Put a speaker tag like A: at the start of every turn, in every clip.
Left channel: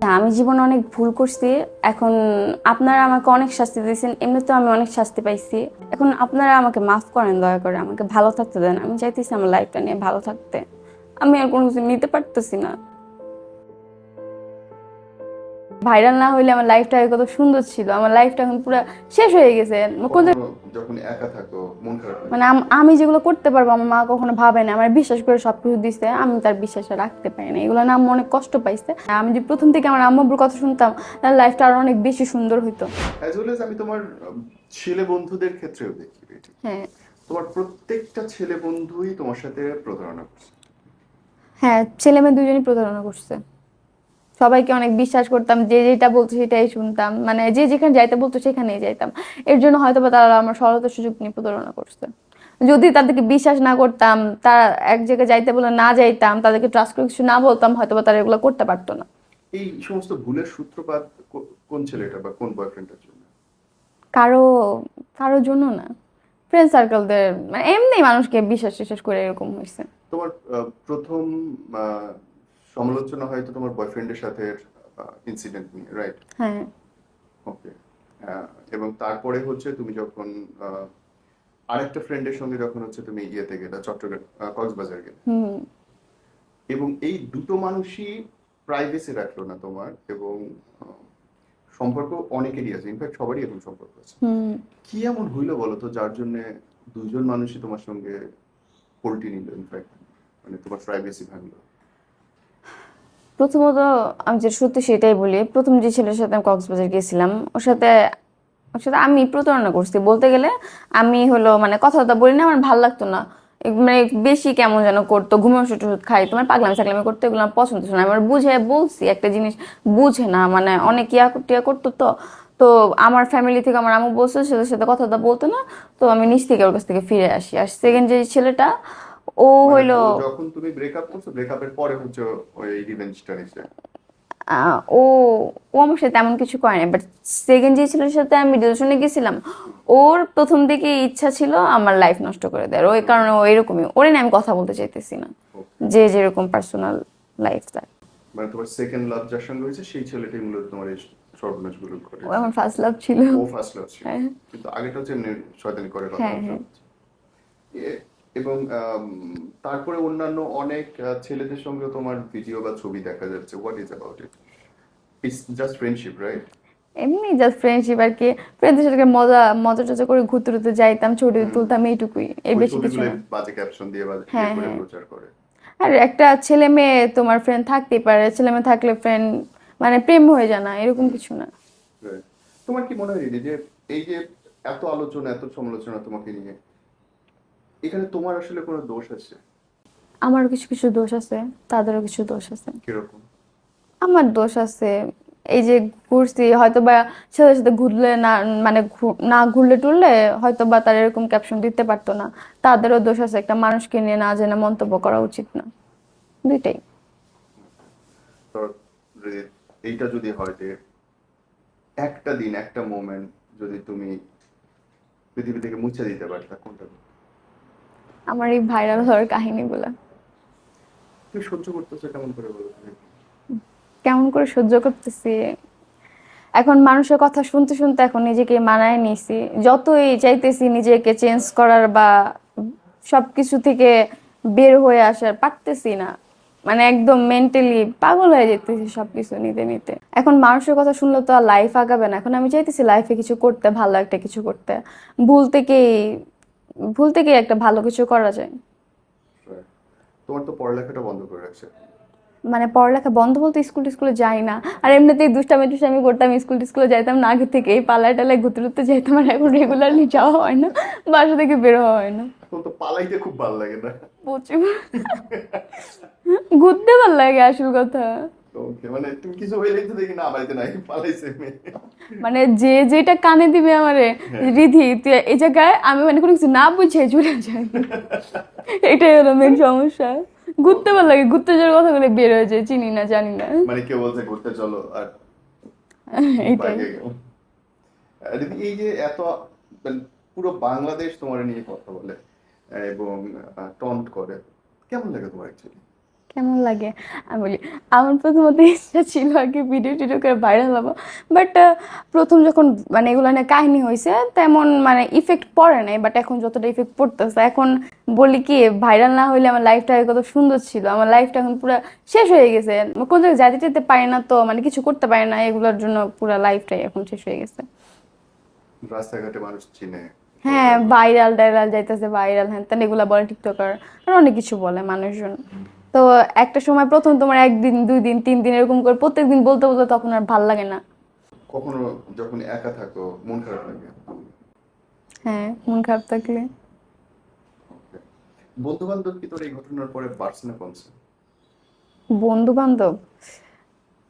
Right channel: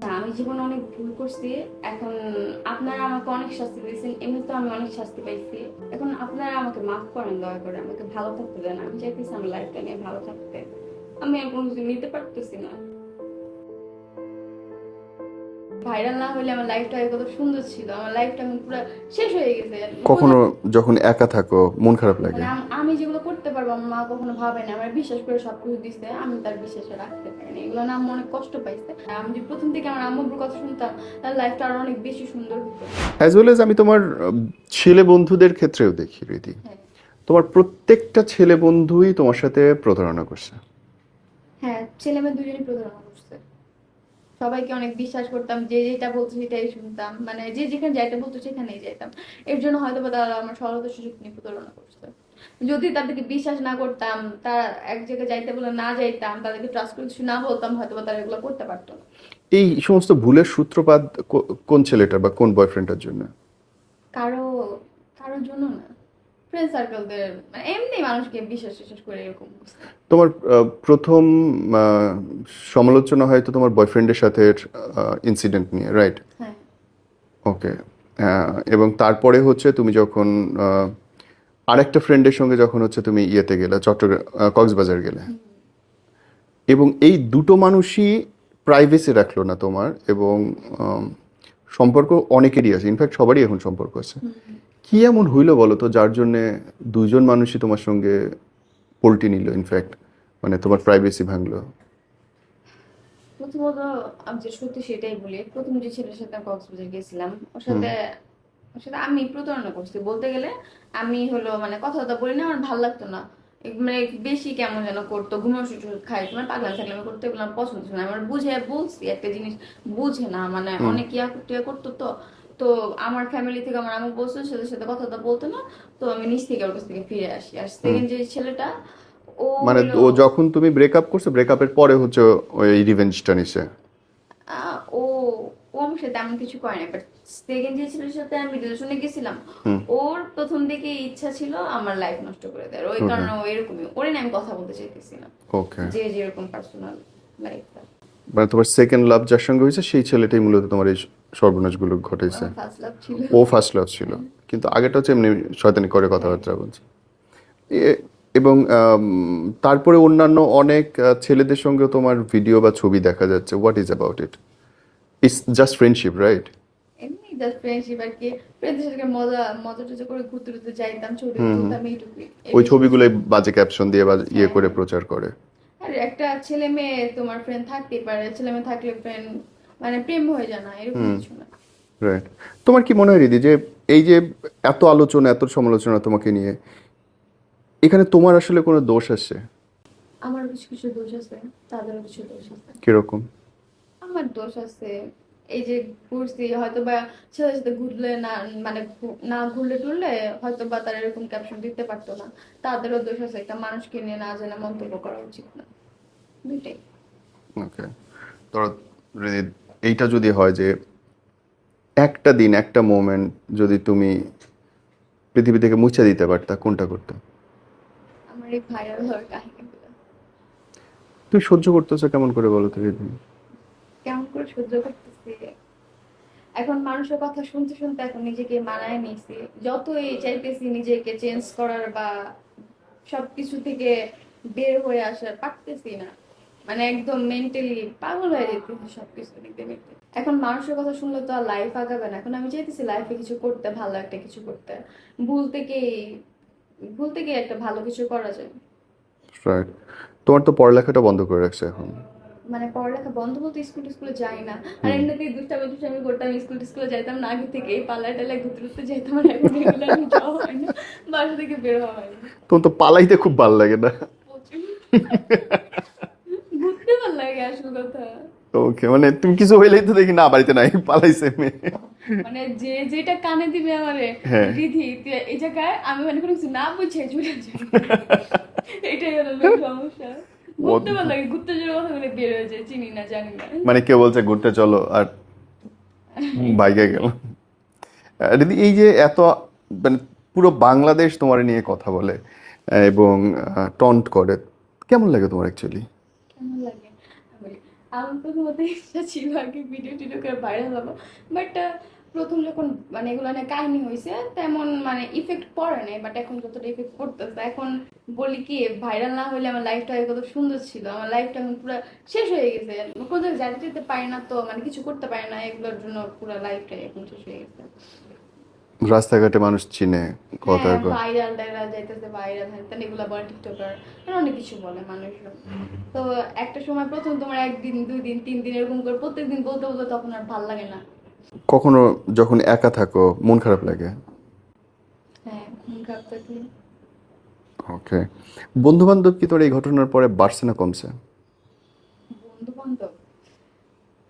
A: হ্যাঁ, আমি জীবনে অনেক ভুল করছি। এখন আপনারা আমাকে অনেক শাস্তি দিয়েছেন এমনিতেও আমি অনেক শাস্তি পাইছি। এখন আপনারা আমাকে মাফ করেন দয়া করে আমাকে ভালো থাকতে দেন। আমি চাইতেছি আমার লাইফটা নিয়ে ভালো থাকতে। আমি আর কোনো কিছু নিতে পারতেছি না। ভাইরাল না হইলে আমার লাইফটা কত সুন্দর ছিল। আমার লাইফটা এখন পুরো শেষ হয়ে গেছে।
B: কখনো যখন একা থাকো মন খারাপ লাগে?
A: মানে আমি যেগুলো করতে পারব আমার মা কখনো ভাবে না। আমার বিশ্বাস করে সবকিছু দিছে আমি তার বিশ্বাসে রাখতে পারি না। এগুলো না আমি অনেক কষ্ট পাইছে। আমি যে প্রথম থেকে আমার আম্মুর কথা শুনতাম তাহলে লাইফটা আরও অনেক বেশি সুন্দর হইতো।
B: অ্যাজ ওয়েল আমি তোমার ছেলে বন্ধুদের ক্ষেত্রেও দেখি রীতি।
A: হ্যাঁ।
B: তোমার প্রত্যেকটা ছেলে বন্ধুই তোমার সাথে প্রতারণা করছে।
A: হ্যাঁ ছেলে মেয়ে দুজনই প্রতারণা করছে। সবাইকে অনেক বিশ্বাস করতাম যে যেটা বলতো সেটাই শুনতাম। মানে যে যেখানে যাইতে বলতো সেখানেই যাইতাম। এর জন্য হয়তো বা তারা আমার সরলতার সুযোগ নিয়ে প্রতারণা করছে। যদি তাদেরকে বিশ্বাস না করতাম তারা এক জায়গায় যাইতে বলে না যাইতাম তাদেরকে ট্রাস্ট করে কিছু না বলতাম হয়তো বা তারা এগুলো করতে পারতো না।
B: এই সমস্ত ভুলের সূত্রপাত কোন ছেলেটার বা কোন বয়ফ্রেন্ডের জন্য?
A: কারও কারোর জন্য না। ফ্রেন্ড সার্কেলদের মানে এমনি মানুষকে বিশ্বাস টিশ্বাস করে এরকম হয়েছে।
B: তোমার প্রথম সমালোচনা হয়তো তোমার বয়ফ্রেন্ডের সাথে ইনসিডেন্ট নিয়ে রাইট
A: হ্যাঁ।
B: ওকে এবং তারপরে হচ্ছে তুমি যখন আরেকটা ফ্রেন্ডের সঙ্গে যখন হচ্ছে তুমি ইয়েতে গেলে চট্টগ্রাম কক্সবাজার গেলে। এবং এই দুটো মানুষই প্রাইভেসি রাখল না তোমার এবং সম্পর্ক অনেকেরই আছে। ইনফ্যাক্ট সবারই এখন সম্পর্ক আছে। কি এমন হইল বলো তো যার জন্যে দুজন মানুষই তোমার সঙ্গে পোল্টি নিল ইনফ্যাক্ট মানে তোমার প্রাইভেসি ভাঙলো।
A: প্রথমত আমি যে সত্যি সেটাই বলি প্রথম যে ছেলের সাথে আমি কক্সবাজার গেছিলাম ওর সাথে ওর সাথে আমি প্রতারণা করছি। বলতে গেলে আমি হলো মানে কথা কথা বলি না আমার ভালো লাগতো না। মানে বেশি কেমন যেন করতো ঘুমের ওষুধ খাই তোমার পাগলামি সাগলামি করতো এগুলো আমার পছন্দ ছিল না। আমার বুঝে বলছি একটা জিনিস বুঝে না মানে অনেক ইয়া টিয়া করতো তো। তো আমার ফ্যামিলি থেকে আমার আমু বলছে সেটার সাথে কথা কথা বলতো না তো আমি নিচ থেকে ওর কাছ থেকে ফিরে আসি। আর সেকেন্ড যে ছেলেটা ও
B: মানে
A: হলো
B: যখন তুমি ব্রেকআপ করছ ব্রেকআপের পরে হচ্ছে ওই রিভেঞ্জটা নিছে?
A: ও ও আমার সাথে তেমন কিছু করে না বাট সেকেন্ড যে ছেলের সাথে আমি ডিউশনে গেছিলাম ওর প্রথম দিকে ইচ্ছা ছিল আমার লাইফ নষ্ট করে দেয় ওই কারণে ও এরকমই ওরে নিয়ে আমি কথা বলতে চাইতেছি না।
B: ওকে
A: যে যেরকম পার্সোনাল লাইফ তার।
B: মানে তোমার সেকেন্ড লাভ যার সঙ্গে হয়েছে সেই ছেলেটাই মূলত তোমার এই সর্বনাশগুলো ঘটেছে।
A: আমার ফার্স্ট লাভ ছিল।
B: ও ফার্স্ট লাভ ছিল। কিন্তু আগেটা হচ্ছে এমনি শয়তানি করে কথাবার্তা বলছে। এ- এবং তারপরে অন্যান্য অনেক ছেলেদের সঙ্গে তোমার ভিডিও বা ছবি দেখা যাচ্ছে। What is about it it's just friendship right
A: এমনি জাস্ট ফ্রেন্ডশিপ আর কি। ফ্রেন্ডদের সাথে মজা মজা টজা করে ঘুরতে ঘুরতে যাইতাম ছবি তুলতাম এইটুকুই।
B: ওই ছবিগুলো বাজে ক্যাপশন দিয়ে বা ইয়ে
A: হ্যাঁ,
B: করে
A: হ্যাঁ।
B: প্রচার করে।
A: আর একটা ছেলে মেয়ে তোমার ফ্রেন্ড থাকতেই পারে। ছেলে মেয়ে থাকলে ফ্রেন্ড মানে প্রেম হয়ে যায় না এরকম কিছু না।
B: রাইট তোমার কি মনে হয় রিদি যে এই যে এত আলোচনা এত সমালোচনা তোমাকে নিয়ে এখানে তোমার আসলে কোনো দোষ আছে?
A: আমারও কিছু কিছু দোষ আছে তাদেরও কিছু দোষ আছে।
B: কীরকম?
A: আমার দোষ আছে এই যে ঘুরছি হয়তো বা ছেলের সাথে ঘুরলে না মানে না ঘুরলে টুরলে হয়তো বা তার এরকম ক্যাপশন দিতে পারতো না। তাদেরও দোষ আছে একটা মানুষকে নিয়ে না জেনে মন্তব্য করা উচিত না। দুইটাই।
B: ওকে। ধরো যদি এইটা যদি হয় যে একটা দিন একটা মোমেন্ট যদি তুমি পৃথিবী থেকে মুছে দিতে পারতা কোনটা করতে?
A: আমার এই ভাইরাল হওয়ার কাহিনীগুলো।
B: তুই সহ্য করতেছো কেমন করে বলো তো রিদি
A: কেমন করে সহ্য করতেছি? এখন মানুষের কথা শুনতে শুনতে এখন নিজেকে মানায় নিছি। যতই চাইতেছি নিজেকে চেঞ্জ করার বা সবকিছু থেকে বের হয়ে আসার পারতেছি না। মানে একদম মেন্টালি পাগল হয়ে যেতেছি সবকিছু নিতে নিতে। এখন মানুষের কথা শুনলে তো আর লাইফ আগাবে না। এখন আমি চাইতেছি লাইফে কিছু করতে ভালো একটা কিছু করতে। ভুল থেকেই ভুল থেকেই একটা ভালো কিছু করা যায়।
B: রাইট তোমার তো পড়ালেখাটা বন্ধ করে রাখছে এখন।
A: মানে পড়ালেখা বন্ধ বলতে স্কুল টিস্কুলে যাই না। আর এমনিতেই দুষ্টামি টুষ্টামি করতাম স্কুল টিস্কুলে যাইতাম না আগে থেকে এই পালায় টালায় ঘুরতে ঘুরতে যাইতাম আর এখন রেগুলারলি যাওয়া হয় না বাসা থেকে বের হয় না।
B: তোমার তো পালাইতে খুব ভালো লাগে না।
A: প্রচুর। ঘুরতে ভালো লাগে আসল কথা।
B: ওকে মানে তুমি কিছু হইলেই তো দেখি না বাড়িতে নাই পালাইছে মেয়ে।
A: মানে যে যেটা কানে দিবে আমারে
B: হ্যাঁ।
A: রিধি তুই এই জায়গায় আমি মানে কোনো কিছু না বুঝে চলে যাই। এটাই হলো মেন সমস্যা। ঘুরতে ভালো লাগে ঘুরতে যাওয়ার কথা বলে বের হয়ে যায় চিনি না জানি না।
B: মানে কেউ বলছে ঘুরতে চলো আর বাইকে গেল। দিদি এই যে এত মানে পুরো বাংলাদেশ তোমার নিয়ে কথা বলে এবং টন্ট করে কেমন লাগে তোমার অ্যাকচুয়ালি
A: কেমন লাগে? আমি বলি, আমার প্রথমত ইচ্ছা ছিল আগে ভিডিও টিডিও করে ভাইরাল হব। বাট প্রথম যখন মানে এগুলো নিয়ে কাহিনী হয়েছে তেমন মানে ইফেক্ট পড়ে নাই বাট এখন যতটা ইফেক্ট পড়তেছে, এখন বলি কি ভাইরাল না হইলে আমার লাইফটা কত সুন্দর ছিল, আমার লাইফটা এখন পুরো শেষ হয়ে গেছে। কোনো জায়গায় যেতে পারি না তো মানে কিছু করতে পারি না, এগুলোর জন্য পুরো লাইফটাই এখন শেষ হয়ে গেছে।
B: রাস্তাঘাটে মানুষ চিনে
A: হ্যাঁ ভাইরাল টাইরাল যাইতেছে ভাইরাল হ্যান তেন এগুলা বলে টিকটকার আর অনেক কিছু বলে মানুষজন। তো একটা সময় প্রথম তোমার একদিন দুই দিন তিন দিন এরকম করে প্রত্যেকদিন বলতে বলতে তখন আর ভালো লাগে না।
B: কখনো যখন একা থাকো মন খারাপ লাগে?
A: হ্যাঁ মন খারাপ থাকলে।
B: ওকে বন্ধু বান্ধব কি তোর এই ঘটনার পরে বাড়ছে না কমছে?
A: বন্ধু বান্ধব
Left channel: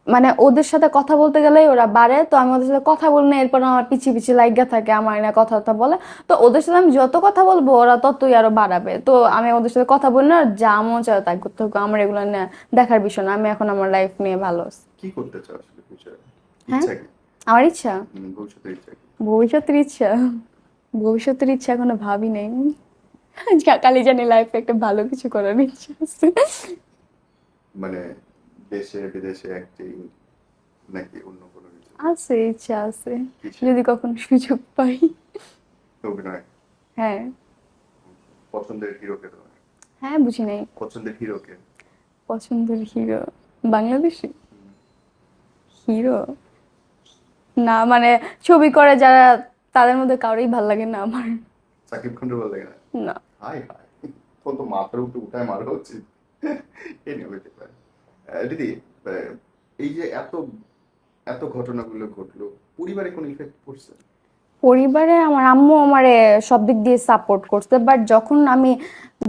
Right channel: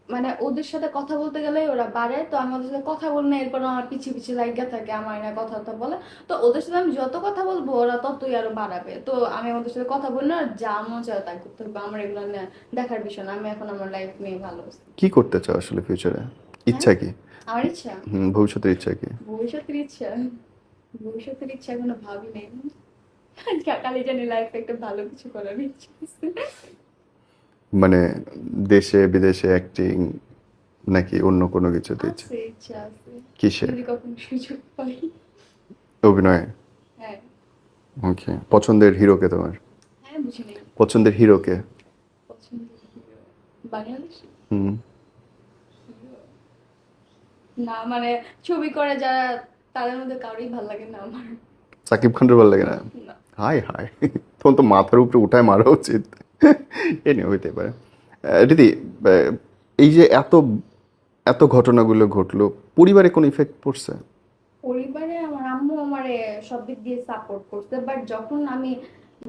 A: মানে ওদের সাথে কথা বলতে গেলে ওরা বাড়ে তো আমি ওদের সাথে কথা বলি না এরপর আমার পিছিয়ে পিছিয়ে লাগিয়া থাকে আমার না কথা কথা বলে। তো ওদের সাথে আমি যত কথা বলব ওরা ততই আরও বাড়াবে। তো আমি ওদের সাথে কথা বলি না যা মন চায় তাই করতে হবে আমার এগুলো নিয়ে দেখার বিষয় না। আমি এখন আমার লাইফ নিয়ে ভালো আছি।
B: কি করতে চাও আসলে ফিউচারে ইচ্ছা কি?
A: আমার ইচ্ছা?
B: হুম, ভবিষ্যতের ইচ্ছা কি?
A: ভবিষ্যতের ইচ্ছা। ভবিষ্যতের ইচ্ছা এখনও ভাবি নেই। কালি জানি লাইফে একটা ভালো কিছু করার ইচ্ছা আছে।
B: মানে দেশে বিদেশে অ্যাক্টিং নাকি অন্য কোনো কিছুতে
A: আছে? ইচ্ছা আছে।
B: কিসে
A: যদি কখনো সুযোগ পাই।
B: অভিনয়?
A: হ্যাঁ।
B: ওকে পছন্দের হিরোকে তোমার?
A: হ্যাঁ বুঝি নাই।
B: পছন্দের হিরোকে
A: পছন্দের হিরো বাংলাদেশি?
B: হুম।
A: হিরো না মানে ছবি করে যারা তাদের মধ্যে কারোই ভালো লাগে না আমার।
B: সাকিব খানের ভালো লাগে না?
A: না।
B: হাই হাই তখন তো মাথার উপরে উঠায় মারা উচিত। হইতে পারে। দিদি এই যে এত এত ঘটনাগুলো ঘটলো, পরিবারে কোনো ইফেক্ট পড়ছে?
A: পরিবারে আমার আম্মু আমারে সব দিক দিয়ে সাপোর্ট করছে বাট যখন আমি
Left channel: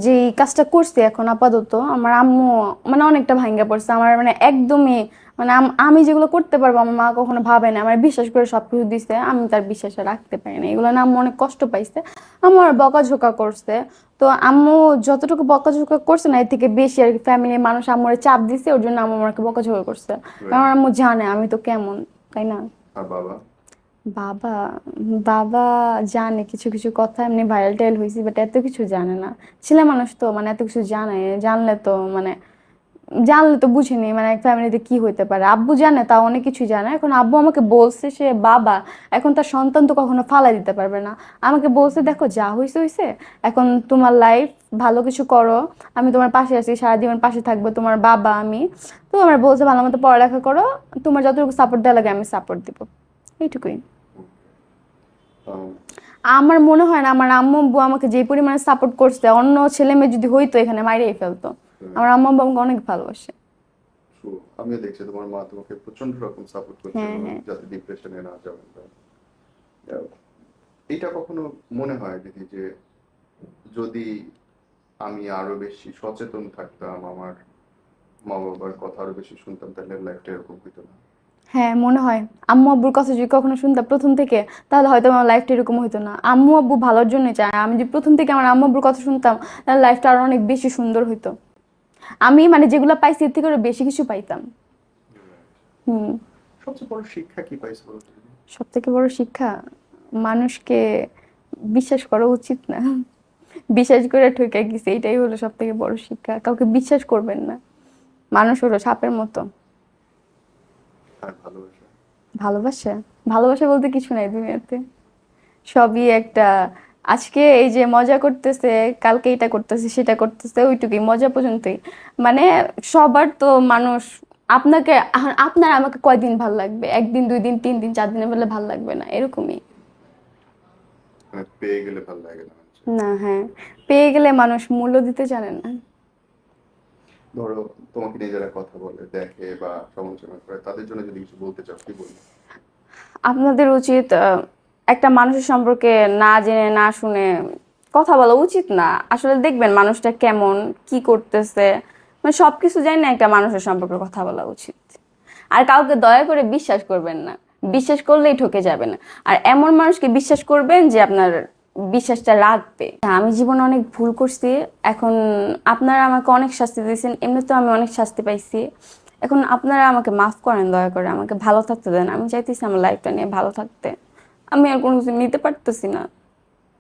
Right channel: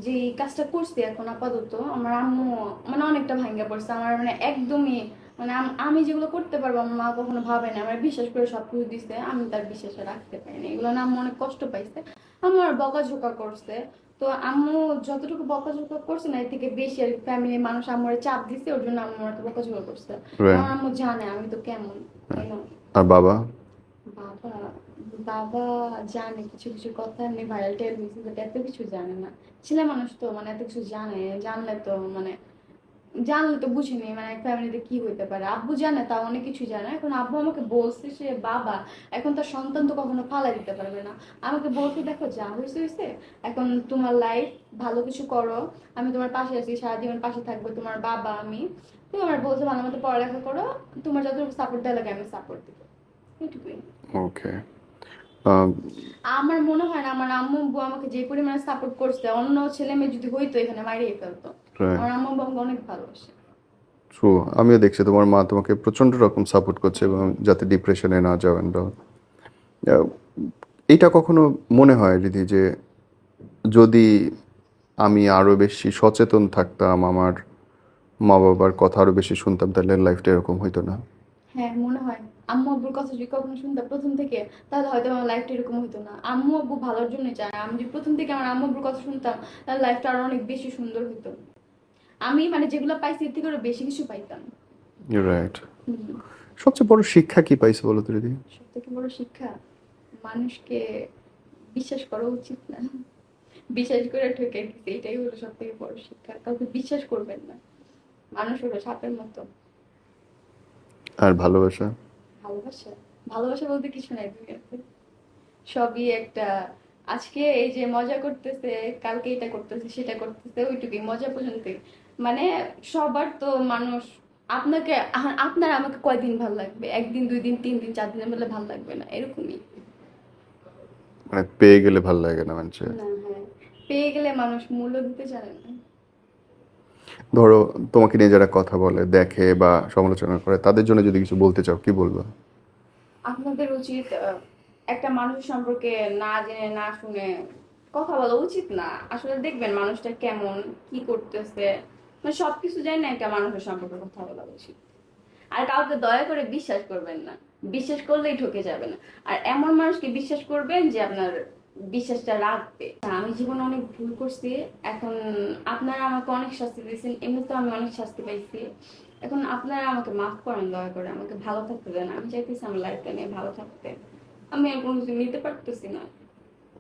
A: যে কাজটা করছি এখন আপাতত, আমার আম্মু মানে অনেকটা ভাঙ্গা পড়ছে। আমার মানে একদমই মানে আমি যেগুলো করতে পারব আমার মা কখনো ভাবে না আমার বিশ্বাস করে সব কিছু দিছে আমি তার বিশ্বাসে রাখতে পারি না। এগুলো না আম্মু অনেক কষ্ট পাইছে আমার বকাঝোকা করছে। তো আম্মু যতটুকু বকাঝোকা করছে না এর থেকে বেশি আর কি ফ্যামিলির মানুষ আম্মুর চাপ দিছে ওর জন্য আম্মু আমাকে বকাঝোকা করছে। আমার আম্মু জানে আমি তো কেমন তাই না?
B: আর বাবা?
A: বাবা বাবা জানে কিছু কিছু কথা এমনি ভাইরাল টাইল হয়েছি বাট এত কিছু জানে না। ছেলে মানুষ তো মানে এত কিছু জানে জানলে তো মানে জানলে তো বুঝিনি মানে এক ফ্যামিলিতে কি হইতে পারে। আব্বু জানে তা অনেক কিছু জানে। এখন আব্বু আমাকে বলছে সে বাবা এখন তার সন্তান তো কখনো ফালাই দিতে পারবে না। আমাকে বলছে দেখো যা হয়েছে হয়েছে এখন তোমার লাইফ ভালো কিছু করো। আমি তোমার পাশে আছি সারা জীবন পাশে থাকব তোমার বাবা আমি। তো আমার বলছে ভালো মতো পড়ালেখা করো। তোমার যতটুকু সাপোর্ট দেওয়া লাগে আমি সাপোর্ট দিব। এইটুকুই।
B: ওকে
A: আমার মনে হয় না আমার আম্মু আব্বু আমাকে যে পরিমাণে সাপোর্ট করছে অন্য ছেলে মেয়ে যদি হইতো এখানে মাইরেই ফেলতো। আমার আম্মু আমাকে অনেক ভালোবাসে।
B: ট্রু আমিও দেখছি তোমার মা তোমাকে প্রচণ্ড রকম সাপোর্ট করছে এবং যাতে ডিপ্রেশনে না যাও. আহ, এটা কখনো মনে হয় দিদি যে যদি আমি আরও বেশি সচেতন থাকতাম আমার মা বাবার কথা আরও বেশি শুনতাম তাহলে লাইফটা এরকম হইতো না।
A: হ্যাঁ মনে হয়। আম্মু আব্বুর কথা যদি কখনো শুনতাম প্রথম থেকে তাহলে হয়তো আমার লাইফটা এরকম হতো না। আম্মু আব্বু ভালোর জন্য চায়। আমি যদি প্রথম থেকে আমার আম্মু আব্বুর কথা শুনতাম তাহলে লাইফটা আরও অনেক বেশি সুন্দর হতো আমি মানে যেগুলো পাইছি এর থেকে আরও বেশি কিছু পাইতাম।
B: রাইট
A: হুম।
B: সবচেয়ে বড় শিক্ষা কি পাইছো বলো তো দিদি
A: সব থেকে বড় শিক্ষা মানুষকে বিশ্বাস করা উচিত না। বিশ্বাস করে ঠকে গেছে এইটাই হলো সব থেকে বড় শিক্ষা। কাউকে বিশ্বাস করবেন না। মানুষ হলো সাপের মতো।
B: আর ভালোবাসা?
A: ভালোবাসা? ভালোবাসা বলতে কিছু নাই দুনিয়াতে। সবই একটা আজকে এই যে মজা করতেছে কালকে এটা করতেছে সেটা করতেছে ওইটুকুই মজা পর্যন্তই। মানে সবার তো মানুষ আপনাকে আপনার আমাকে কয়দিন ভালো লাগবে? একদিন দুই দিন তিন দিন চার দিনের বেলা ভালো লাগবে না এরকমই।
B: মানে পেয়ে গেলে ভালো লাগে না মানুষের।
A: না হ্যাঁ। পেয়ে গেলে মানুষ মূল্য দিতে জানে না।
B: ধরো তোমাকে নিয়ে যারা কথা বলে দেখে বা সমালোচনা করে তাদের জন্য যদি কিছু বলতে চাও কি বলব?
A: আপনাদের উচিত আহ, একটা মানুষের সম্পর্কে না জেনে, না শুনে কথা বলা উচিত না। আসলে দেখবেন মানুষটা কেমন, কি করতেছে মানে সব কিছু জানি না একটা মানুষের সম্পর্কে কথা বলা উচিত। আর কাউকে দয়া করে বিশ্বাস করবেন না। বিশ্বাস করলেই ঠকে যাবেন। আর এমন মানুষকে বিশ্বাস করবেন যে আপনার বিশ্বাসটা রাখবে। আমি জীবনে অনেক ভুল করছি। এখন আপনারা আমাকে অনেক শাস্তি দিয়েছেন। এমনিতেও আমি অনেক শাস্তি পাইছি। এখন আপনারা আমাকে মাফ করেন দয়া করে। আমাকে ভালো থাকতে দেন। আমি চাইতেছি আমার লাইফটা নিয়ে ভালো থাকতে। আমি আর কোনো কিছু নিতে পারতেছি না।